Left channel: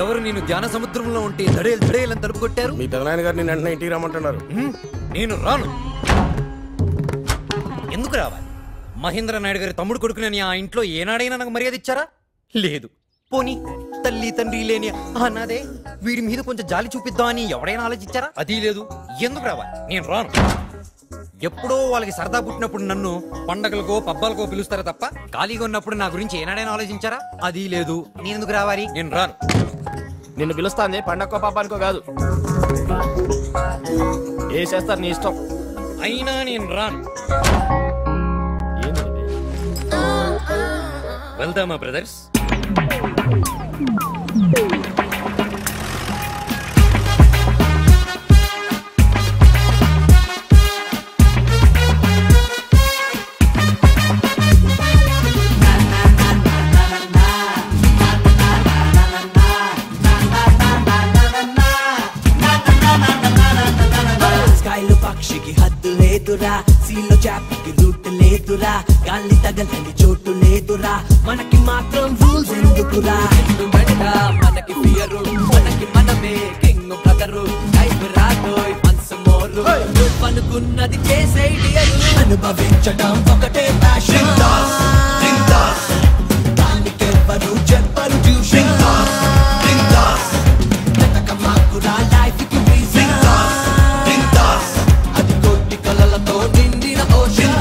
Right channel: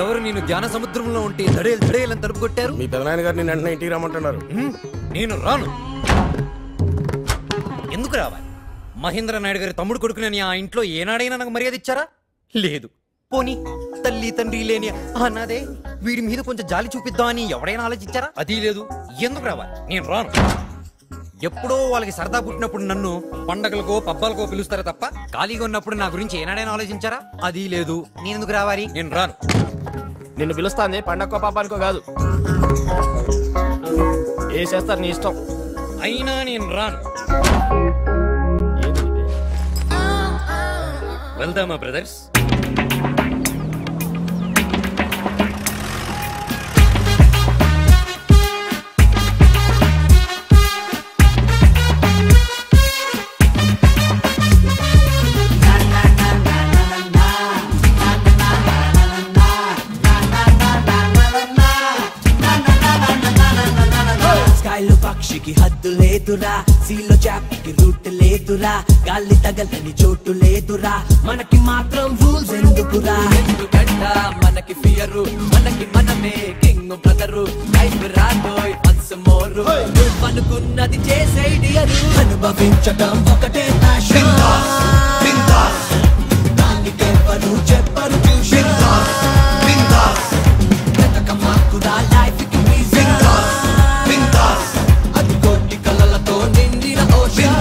ఎవరు నేను ధ్యాన సముద్రంలో ఉంటే దడేలని తలుపు కొట్టారు? మీ పెదనాయన గారు నేను వెంటనే ఇంటికి రమ్మంటున్నారు. నేను రాను. ఎందుకు రావాలి? మహేంద్ర నాయుడు గారి తమ్ముడు కొడుకునని ఆ ఇంట్లో ఏనాడైనా నాకు మర్యాద ఇచ్చారా? లేదు. పోనీ తల్లి తండ్రి లేని అన్నదే వీడి మీద కొంచెం జాలి చూపిద్దామని ఎవడైనా ఆలోచించారా? అది లేదు. ఎందుకు రావాలి? నేను రాను. ఎప్పుడో వాళ్ళకి సరదా పుట్టినప్పుడు నన్ను పండగలకో పబ్బాలకో పిలుస్తారా తప్ప ఖాళీగా ఉన్నప్పుడు నా గురించి ఏనాడైనా ఆలోచించారా? అది లేదు. నేనెందుకు రావాలి? నేను రాను. నిన్ను పిలుస్తాంది పండగకో పాపానికో కాదు. ఏ చేస్తారు నీ ఇష్టం. అయినా నేను రాను. వెళ్దామా బ్రదర్స్? పక్షికి హద్దు లేదురా, సీలో చేపకి రూట్ లేదురా, గాలి తగలని చోటు లేదురా, మనకి మాత్రం రూల్స్ ఎందుకురా? ఎందుకంట మనకి ఫియరు, మనకి మనమే కింగ్ బ్రదరు, లైఫ్ రాదోయ్ వన్స్ మోర్, నువ్వు అనుకున్నది చేసే డియరు, అనుభవించటం ఒకటే ప్యాషన్, దానికెవ్వరు చెప్పరు ట్యూషన్, వెతకమాకురా లైఫ్ కి రీజన్, కలలతో నిండిన ocean.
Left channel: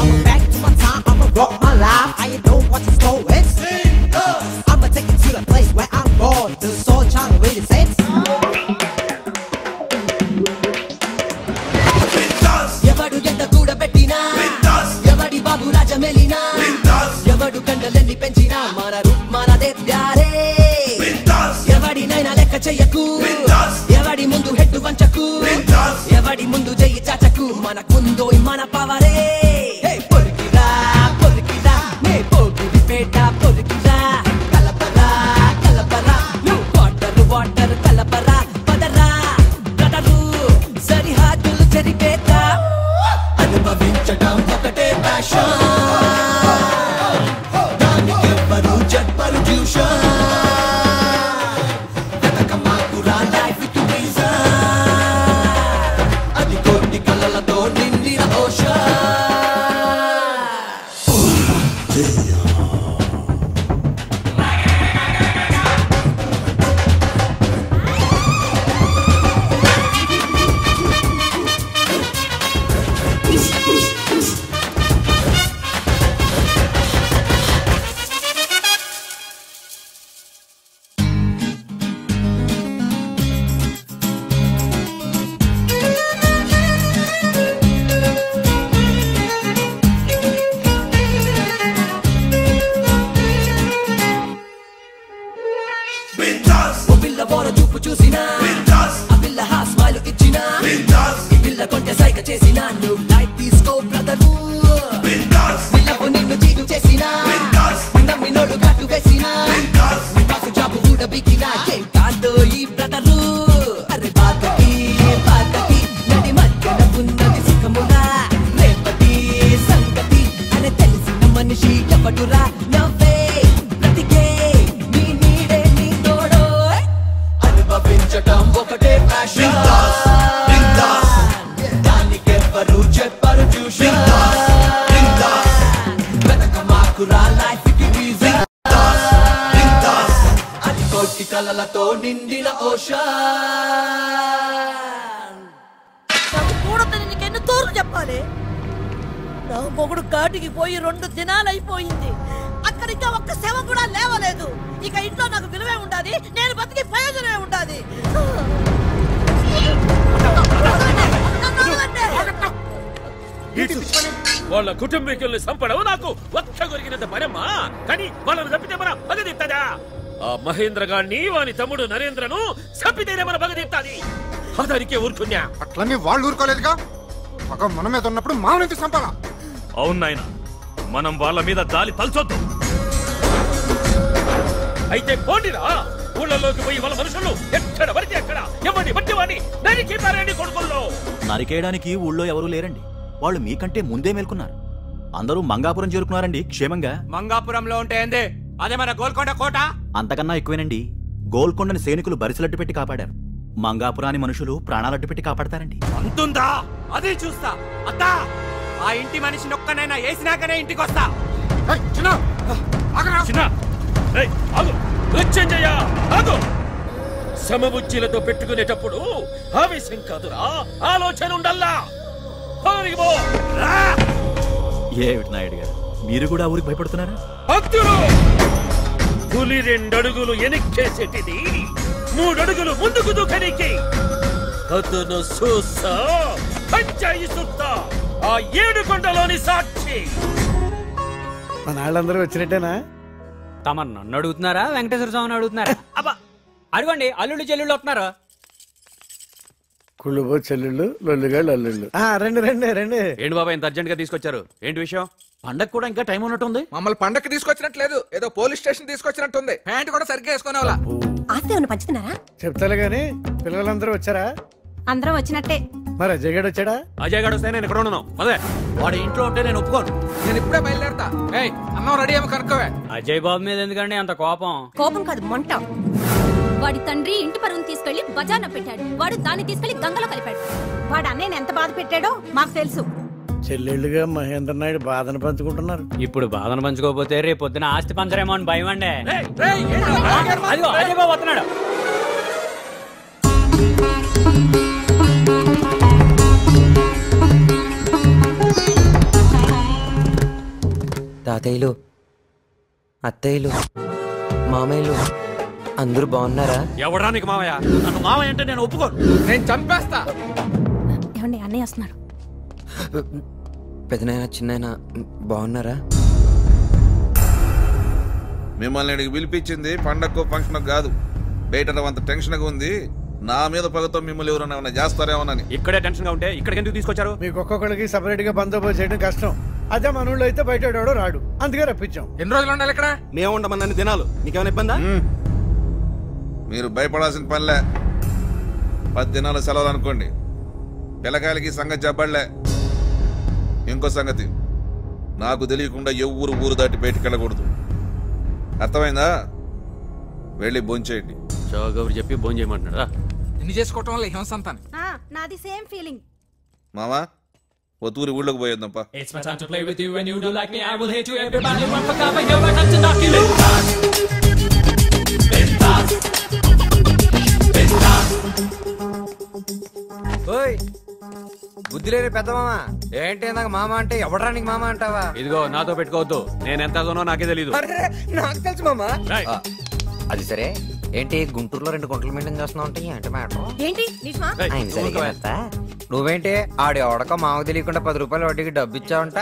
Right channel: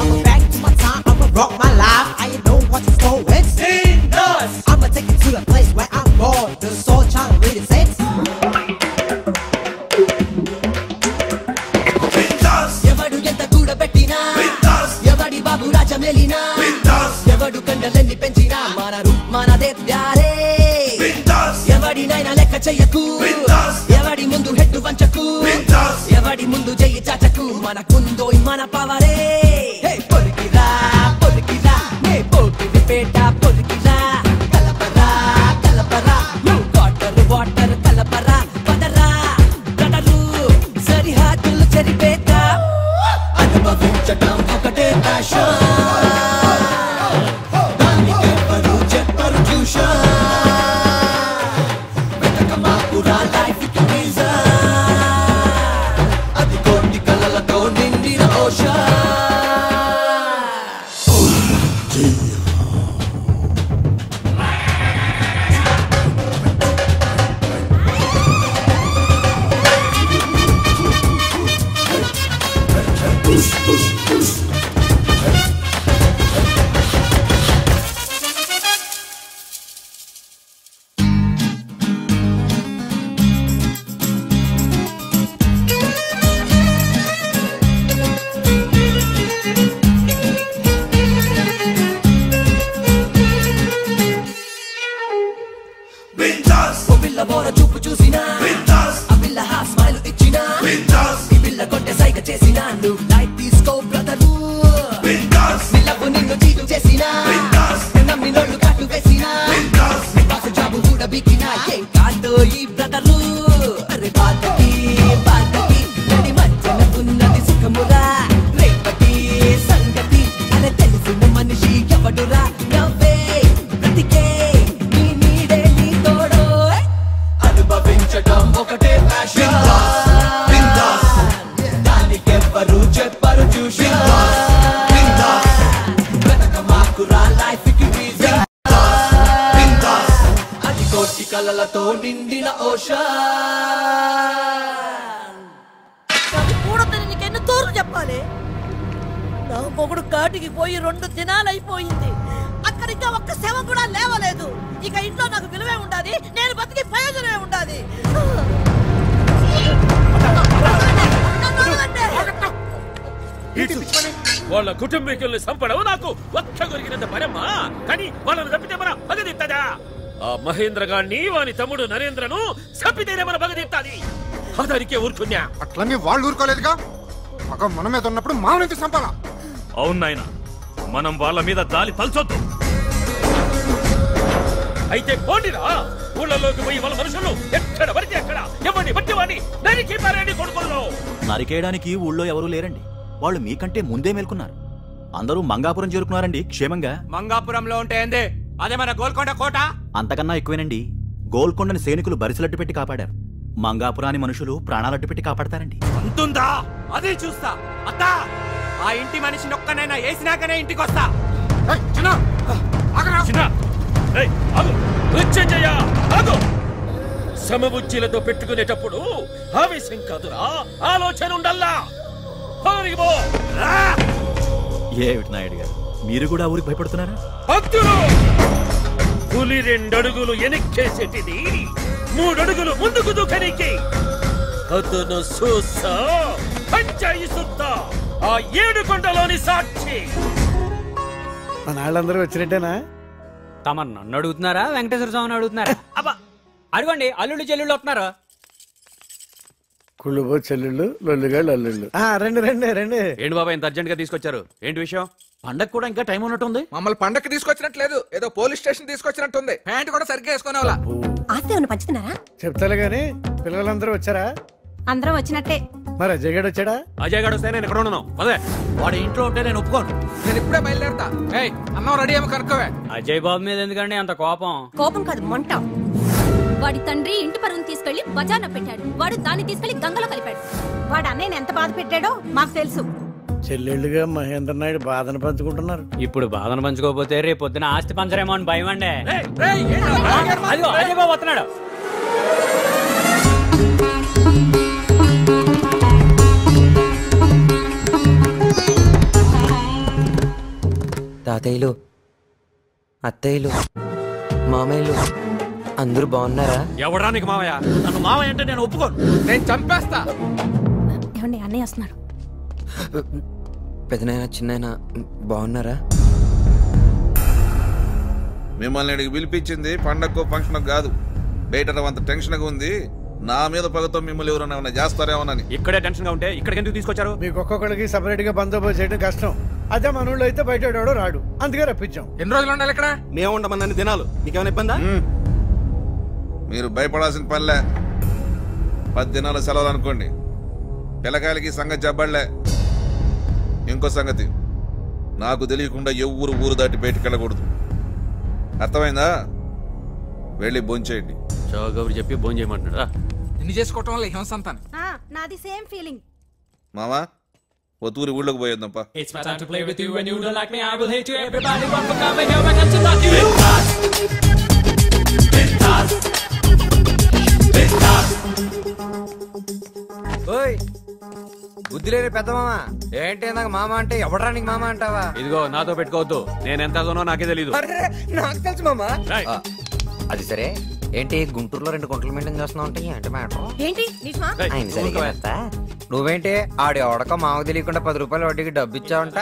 I'ma back to my time, I'ma rock my life. I know what to go with. I'ma take it to the place where I'm born. The soul child really says. ఎవడు ఎంత కూడబెట్టినా, ఎవడి బాబు రాజ మెలినా, ఎవడు కండలన్నీ పెంచినా మన route మనదే ప్యారే, ఎవడినైనా లెక్క చెయ్యకు, ఎవడి ముందు హెడ్డు వంచకు, ఎవడి ముందు చెయ్యి చాచకు, మనకుందో మన పవరే. పొలికిరా పొలికిరా నే పోకిరి పేట పొలికిరా, కలపరా కలపరా నువ్వు వాటర్ కలపరా, పదరా బ్రదరు సరిహద్దులు చెరిపేట, అనుభవించటం ఒకటే ప్యాషన్, దానికెవ్వరు చెప్పరు ట్యూషన్, వెతకమాకురా లైఫ్ కి రీజన్, అది కోటి కలలతో నిండిన ఓషన్. చూపు చూసినా ఆ పిల్ల హాఫ్ స్మైల్ ఇచ్చినా, ఈ పిల్ల కొంటె సైగ చేసినా, నువ్వు లైట్ తీసుకో బ్రదరు, నిలవు నిన్ను తీరు చేసినా, నమ్మినోళ్ళు కట్టు వేసినా, నీ బాసు జాబు కూడా బికినా, ఏం కాదో ఈ బ్రదరు, అరే బాధకి బాధకి నడి మధ్యన ఉన్నది సుఖమురా, రేపటి సంగతి అరే తెలిసిన మనిషి ఎవడురా, నవ్వే బ్రతికే నీ నీడే నీ తోడో, అనుభవించటం ఒకటే ప్యాషన్, దానికెవ్వరు చెప్పరు ట్యూషన్, వెతకమాకురా లైఫ్ కి రీజన్, అది కోటి కలలతో నిండిన ఓషన్. నాకు కూడదని నీకెన్ని తోర్లు చెప్పాలి? నా మొగుడు కాటికి పోయి 2 దినాలు అయిపోయింది, అక్కడ ఇంకా ఒక్క శవం కూడా లేవలేదు, ఇక ఇంట్లో నాకు విలువే ఉండాలి, నేను బతికి ప్రయోజనమే ఉండాలి. వాళ్ళ కుటుంబీకుల్ని చంపడం నాకు ఒక్క కొరిగినంత పరమ్మా, కానీ వాళ్ళని తప్పితే మన పగదిత్తదా? ఆ మహేంద్ర గాన్ని వాని తమ్ముడు నరేంద్రను చంపితేనే మన పగదిత్తది, అదానికే ఊరుకున్నా. అట్లనే వాళ్ళు ఊరుకోలేదుగా, మగ మన మీద ఉన్నప్పుడు మామూలు చంపాలా? అవును నాయన, మనం వాళ్ళ మీద జాలి తలచొద్దు. అయితే పోండిరా, ఊళ్ళలోకి పోయి వాళ్ళ మనుషులు ఎక్కడ పడితే అక్కడ ఎవరిని బట్టి వాడిని నరికి పారేయండి కొడుకుల్లో. నరికేయడానికి ఊళ్ళో ఎవరూ లేరండి. వాళ్ళు మీకంటే ముందే మేల్కొన్నారు. అందరూ మంగాపురం చేరుకున్నారండి క్షేమంగా. మంగాపురంలో ఉంటే ఏంది? అదే మన గోల్కొండ కోట. అంతకన్నా ఎక్కువేనండి. గోల్కొండని సైనికులు బరిసలట్టు పెట్టి కాపాడారు. మంగాపురాని మనుషులు ప్రాణాలట్టు పెట్టి కాపాడతారండి. అంతుందా? అదే చూస్తా. అత్తా, ఆ ఇంటి మనిషిని ఒక్కనైనా వేసినాకనే ఇంటికి వస్తా. సమబుచ్చిలతో పెట్టుకునేటప్పుడు ఆవేశం కాదురా, ఆలోచన ఉండల్లా. ఏమిటి నాయుడు గారు, మీరు కూడా ఊరికి భయపడుతున్నారా? భక్తులు, పులి 2 అడుగులు ఎనిక్కేసేటిది 3 అడుగులు ముందుకు దూకనికి. అతను చూసా పంచాయి సుత్తా ఆ 7 కొండలోని సాక్షి. మన వాళ్ళందరూ వచ్చినట్టేనా? తమ నన్ను అడుగుతున్నారా వెంకటేశ్వర స్వామిని అడుగుతున్నారా? అబ్బా అడగండి, అల్లుళ్ళు చెల్లుళ్ళు వస్తున్నారు. కుళ్ళుబో చెల్లెళ్ళు, లొల్లుగాళ్ళు అల్లుళ్ళు. రండి రండి రండి. ఏంటి బాబా ఇంత అర్జెంట్ గా తీసుకొచ్చారు? ఏంటి విషయం? పండగ కూడా ఇంకా టైం ఉన్నట్టుంది. మమ్మల్ని పండక్కి తీసుకొచ్చినట్లేదు, ఏదో పోలీస్ స్టేషన్ తీసుకొచ్చినట్టుంది. ప్యాంట్ కూడా సరిగ్గా వేసుకునేవాళ్ళ. ఆస్తి ఏమన్నా పంచుతున్నారా? చెప్తాలే గాని పిల్లలందరూ వచ్చారా? అందరం వచ్చినట్టే. మరి అజయ్ గడు వచ్చాడా? అజయ్ గడు వస్తే నేను ఎక్కడ ఉన్నాను? అదే వాడి ఇంట్లో ఉంటే నేను ఒప్పుకోను. నేను ఇప్పుడే బయలుదేరతా. అన్నం రెడీ ఏమో కనుక్కోవే. అజయ్ బాబు మీద ఎందుకండి అంత కోపం? కోపం కాదు, మంట. వాడి తండ్రి ఇంటి పరువును తీసుకెళ్లి బజార్లో పెట్టాడు. వాడు దాన్ని తీసుకెళ్లి గంగలో కలిపాడు. వాడు అన్నయ్యని ఎంత బాధ పెట్టాడో మాకు తెలుసు. చెల్లెళ్ళుగా మహేంద్ర నాయుడు బాధను పంచుకుంటున్నారు. ఇప్పుడు బాధను పంచుకోకపోతే రేపు పొద్దున ఆస్తి పంచరేమో అని భయం అండి. అదిగో అజయ్ బాబు వస్తున్నాడు. తాతయ్యలు, అత్తయ్యలు, మామయ్యలు అందరూ బాగున్నారా? ఎవడరా నీకు మావయ్య? నన్ను మావయ్య అంటే నేను ఒప్పుకోను. నేను చంపేస్తా. ఏమండి, అన్నయ్య వస్తున్నారు. పెదనాయన చిన్నాయన బాగున్నారా? మిమ్మల్ని ఇక్కడికి పిలిపించింది పండగకు ఫంక్షన్ కాదు. బయట అంత టెన్షన్ గా ఉంది. నా మీద పగతో మిమ్మల్ని ఎవరైనా ఏమైనా చేస్తారేమోనని. ఇక్కడే టెన్షన్ గా ఉంటే ఇక్కడికి ఎందుకు తీసుకొచ్చారు? మీకు ఒక్కొక్కడికి సపరేట్ గా బందోబస్తు చేయడం కష్టం. అదే మన ఊళ్ళో అయితే బయట రాడు, అందుకే రప్పించాం. ఎన్ని రోజులు ఉండాలి ఇక్కడ? మేము ఉండమన్నన్ని దినాలు. మీకేమైనా ఇబ్బందా? మీరు భయపడాల్సిన పనిలే. 10 దినాల సెలవులు అనుకోండి. పిల్లకాయలకి సంగతి చెప్పడలే. ఇంకో సంగతి, నాకు తెలియకుండా ఎవ్వరు ఊరు దాటి బయటికి వెళ్ళకూడదు. అర్థమైందా? వెళ్ళి భోంచేయండి. చౌగబరి చెప్పి భోజనం చేయమంటున్నారా? నిన్ను చేసుకోవటం వల్ల హింసంతాను. నాది సేమ్ ఫీలింగ్. మామా, ఒత్తూరి ఊళ్ళోకి పోయేద్దాంపా. ఓయ్ బుద్ధి లేని పెద్ద మామ ఏంటి నాకు మామ అంటే ఎవడరా నీకు మామ అంటావా? ఇదిగో నాతో పెట్టుకోవద్దు. నేను ఎంత అదనో నాకే తెలీదు. నాకు తెలుసు మామ. అది సరే, ఏంటి గుంటూరులో 2 గుంటలు మెయింటైన్ చేస్తున్నావు అంటే ఏంటి మ్యాటర్? ఏంటి నిజమా? ఆయన సరిగ్గా నువ్వేంటి ఆడి ఎవడక మాకు తెలియకుండా 10 రూపాయలు వడ్డీకి డబ్బు ఇచ్చావంట.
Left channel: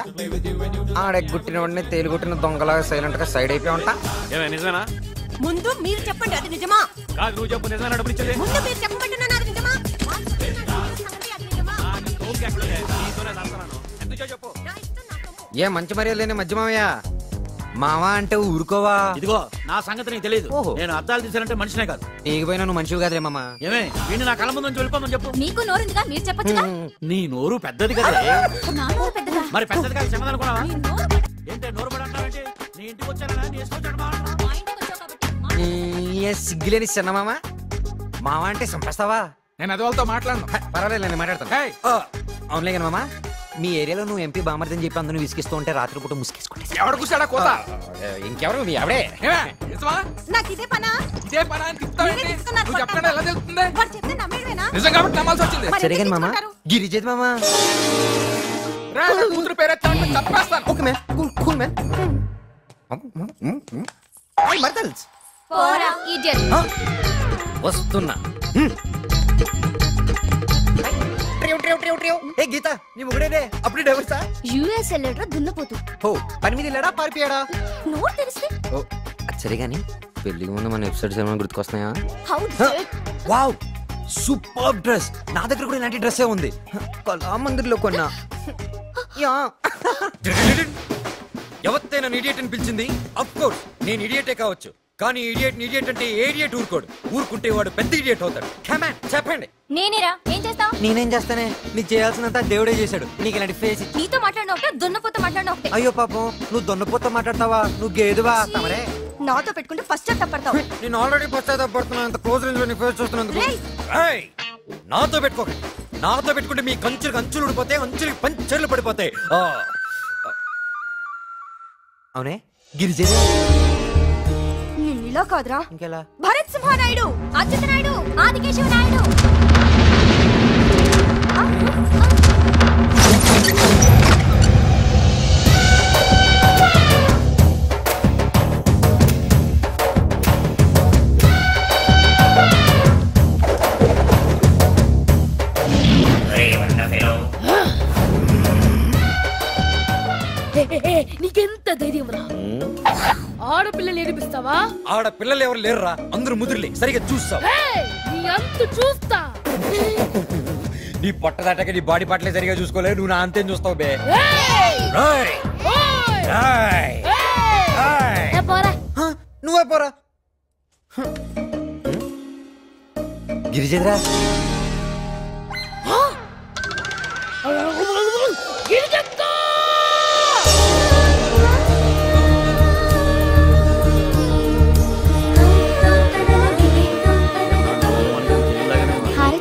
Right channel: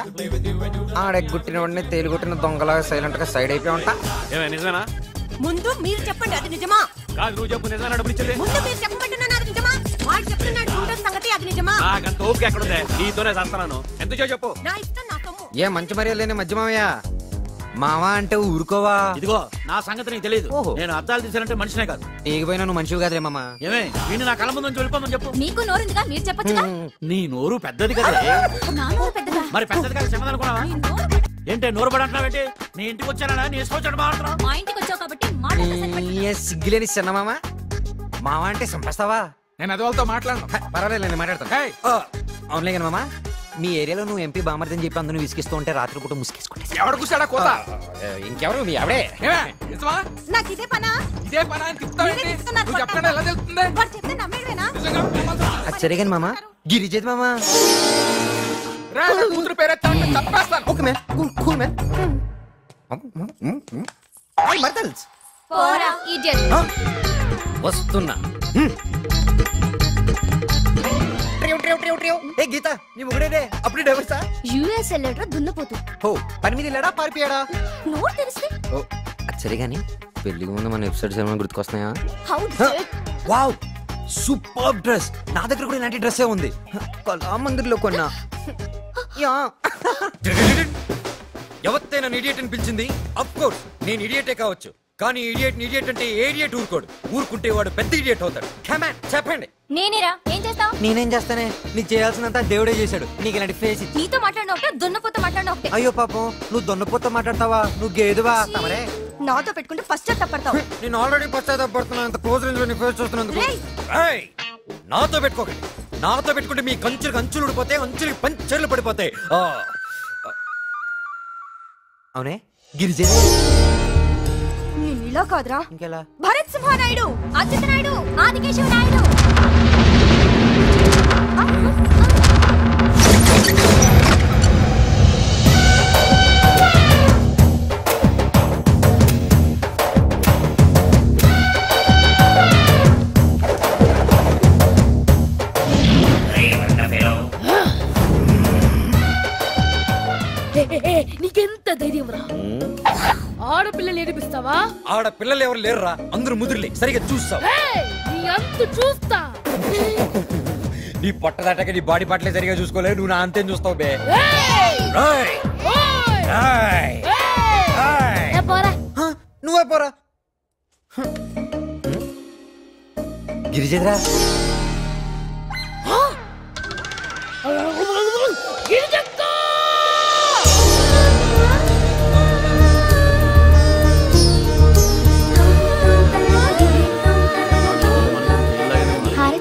ఆడెగ్గుట్టిన వాడిని తేలిగుట్టిన దొంగలాగా సైలెంట్ గా సైడ్ అయిపోయావంట. ఏమైనా నిజమేనా? ముందు మీరు చెప్పండి, అది నిజమా? కాదు, నువ్వు చెప్పు. నిజమేనా డబ్బులు ఇచ్చేది? ముందు మీరు చెప్పమంటున్నాను, అది నిజమా? వాడు చెప్తున్నాడు గుంటూరు సంగతి, అది నిజమా? నీతోనే చేస్తాను. ఎంత చెప్పు. నా ఇష్టం, నా సొమ్ము. ఏ మంచి మర్యాద లేని మధ్య మామయ్య. మామ అంటే ఊరుకోవా? ఇదిగో నా సంగతి నీకు తెలియదు. ఓహో. నేను అద్దాలు తీసానంటే మనిషినే కాదు. నీకు పోయినా నువ్వు మనిషివి కాదులే మామ. ఏమే వీడిని నా కళ్ళ ముందు నుంచి వెళ్ళిపోమని చెప్పు. మీకు నోరుందిగా, మీరు చెప్పొచ్చుగా. నీ నోరు పెద్దది కదా. నా నోరు పెద్దదా? మరి పెద్దది కాదు చెప్పదు అనుకున్నావా? మీ నోరు పెద్ద- ఏంటే నోరు పడంటావేంటి? నీ ఇంటికి వచ్చానా? నీ ఇష్టం మాట్లాడుతున్నావు. మా ఇంటికి వచ్చావు కాబట్టి మాట. సిగ్గులేని చిన్న మామ. మామ అంటే చంపేస్తావా? నేను అది వాళ్ళతో మాట్లాడను. పర్వాలేదు, నేను మాట్లాడతాను. అవునులే కానీ మామ, మీ ఏరియాలో నువ్వు ఎంపీ బామర్దని చెప్పి అందరూ విసిగిస్తూ ఉంటే రాత్రి పూట ముసుకేసుకుంటే ఎవడు కూర్చాడా కోత? ఇంకెవరు మీ ఆవిడే. నిజమా? నాకు ఇదే పనా? ఇదే పని అని తిప్పుతావేంటి? మీరే చెప్తున్నారు, నువ్వు చెప్పండి, ఎలా తెలుస్తుంది? వాడు చెప్తే నమ్మేవేనా? నిజం కాబట్టి నమ్మాల్సి వచ్చింది. సరే కానీ మామ, గిరిజేది మామ. రా, నా కూతురు పేరెత్తావంటే చంపేస్తాను. Okay man, cool man. I మర్దల్స్ పోరా ఇడియట్. వస్తున్నా. ఏ గీత, నీ ముగ్గురేనే అప్పుడే డైవర్సా? యుఎస్ వెళ్ళాడు దున్నపోతు. ఓ పని మీద వెళ్ళాడా పారిపోయాడా? నోరు తెలిస్తే ఓ అది సరే కానీ పెళ్లికి ముందు మన ఎపిసోడ్స్ ఏమైనా గుర్తుకొస్తున్నాయా? How wow, super dress. నా దగ్గర కూడా ఇలాంటి డ్రెస్సే ఉంది. కళామందిర్లో కొన్నా. యా. ఎవరితే నన్ను ఇడియట్ అని పిలిచింది? అఫ్ కోర్స్ నేను ఇడియటే కావచ్చు, కానీ ఇడియట్ అంటే ఏడియట్ ఊరుకుంటే వాడు పెద్ద ఇడియట్ అవుతాడు. కమాన్ చెప్పండి. నేనేరా ఏం చేస్తావు? నేనేం చేస్తానే, నీకు చేయాల్సినంత దేవుడే చేశాడు. నీకు ఇలాంటి ఫేస్ ఇచ్చి నీతో మాట్లాడిన ఒకటే దున్నపోత మాట్లాడిన ఒకటే. అయ్యో పాపం, నువ్వు దొన్నపోత మాట్లాడతావా? నువ్వు గేదువా? తమరే నాతో పెట్టుకుంటే ఫస్ట్ తప్పడతావు. నేను ఆల్రెడీ పశ్చాత్తాపడుతున్నా, ఇంత క్లోజ్ రేంజ్ లో నీ ఫేస్ చూస్తున్నందుకు. ఏయ్, నాతో పెట్టుకోకండి. నాతో పెట్టుకుంటే మీ కంచులు ఊడిపోతాయి, అంచులకి పంచర్లు పడిపోతాయి. అవునే గిరిజనే నేను ఇలా కాదురా, ఇంకెలా? భరత్ సింహనాయుడు, అచ్యుత నాయుడు, ఆదికేశవ నాయుడు. నీకెంత ధైర్యం రా? ఆడపిల్లలు ఏడిపిస్తావా? ఆడపిల్లలు ఎవరు లేరురా, అందరూ ముదురులే. సరిగా చూస్తావు? నీ అంత చూస్తా. నీ పొట్ట దాటాక నీ బాడీ పాటలే సరిగా చూసుకోలేదు, నువ్వు నా అంతేం చూస్తావు బే. నువ్వే పోరా. గిరిజేద్రా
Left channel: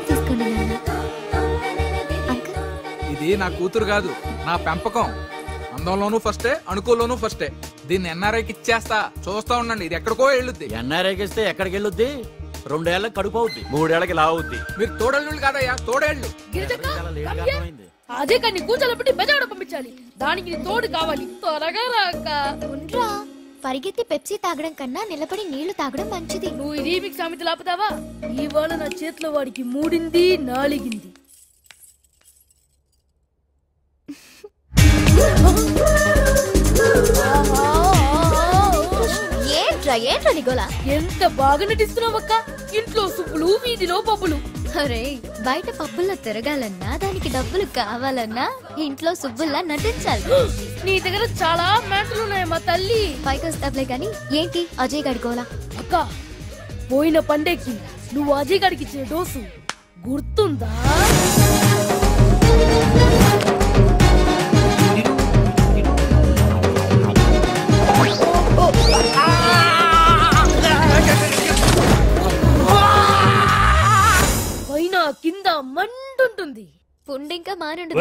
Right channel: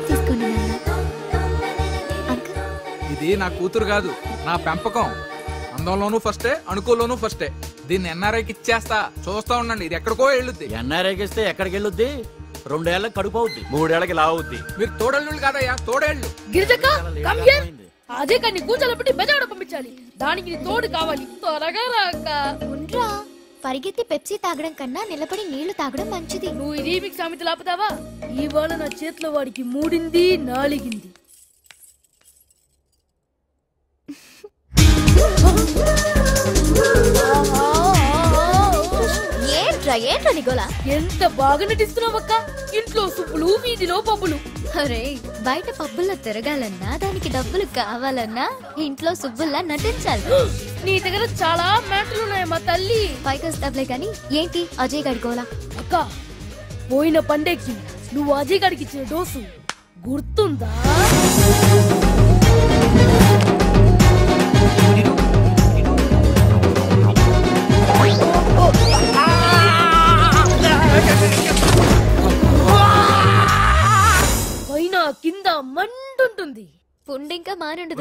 తీసుకోండి నాన్న. అంకుల్, ఇది నా కూతురు కాదు, నా పెంపకం. అందంలోనూ ఫస్టే, అణుకుల్లోనూ ఫస్టే. దీన్ని ఎన్ఆర్ఐకి ఇచ్చేస్తా, చూస్తా ఉండండి. ఇది ఎక్కడికో వెళ్ళుద్ది. ఎన్ఆర్ఐకి ఇస్తే ఎక్కడికి వెళ్ళుద్ది? 2 ఏళ్ళకి కడుపు అవుద్ది, 3 ఏళ్ళకి లావుద్ది. మీరు తోడళ్ళు కాదయ్యా, తోడేళ్ళు. అదే కానీ కూర్చోలో పెట్టి బెజాడ పంపించాలి. దానికి నీ తోడు కావాలి. త్వరగా రాక ఉండ్రా. పరిగెత్తి పెప్సీ తాగడం కన్నా నిలబడి నీళ్లు తాగడం మంచిది. నువ్వు ఈ రీమిక్స్ సామెతలు ఆపుతావా? ఇవాళ నా చేతిలో వాడికి 3 4. ఏంట్రా నిగోలా? ఎంత బాగా నటిస్తున్నావక్క. ఇంట్లో సుబ్బులు, వీధిలో పబ్బులు. అరే, బయట పబ్బుల్లో తిరగాలన్నా, దానికి డబ్బులు కావాలన్నా ఇంట్లో సుబ్బుల్లా నటించాలి. నీ దగ్గర చాలా మ్యాటర్లు ఉన్నాయమ్మా తల్లి. పైకి వస్తావులే గాని ఏంటి అజయ్ గడిగోలా? అక్క, పోయిన పండేకి నువ్వు అజయ్ గడికి ఇచ్చిన డోసు గుర్తుందా? పైన కింద మంటుంటుంది. పుండింకా మానుండదు.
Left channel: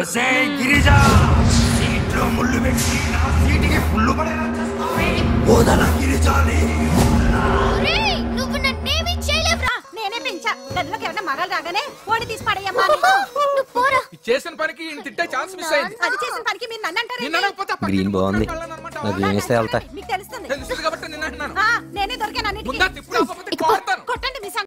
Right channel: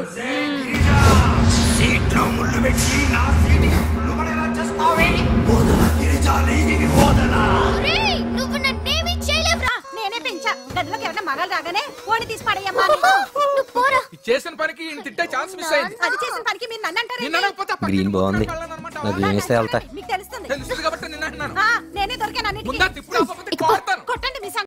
నువ్వు నన్నేమీ చేయలేవురా. నేనే పెంచా. గదిలోకి ఎవరైనా మగాలు రాగానే ఓడి తీసి పడేయమ్మా. నువ్వు పోరా. చేసిన పనికి తిట్టే ఛాన్స్ మిస్ అయింది. అది చేసిన పనికి మీరు నన్ను అంటారు. గ్రీన్ బాగుంది, నాకు ఏం ఇస్తే వెళ్తా. మీకు తెలుస్తుంది. తెలుస్తుంది కాబట్టి నిన్న అంటున్నాను. నేనే దొరికాను. ముందా తిప్పుడు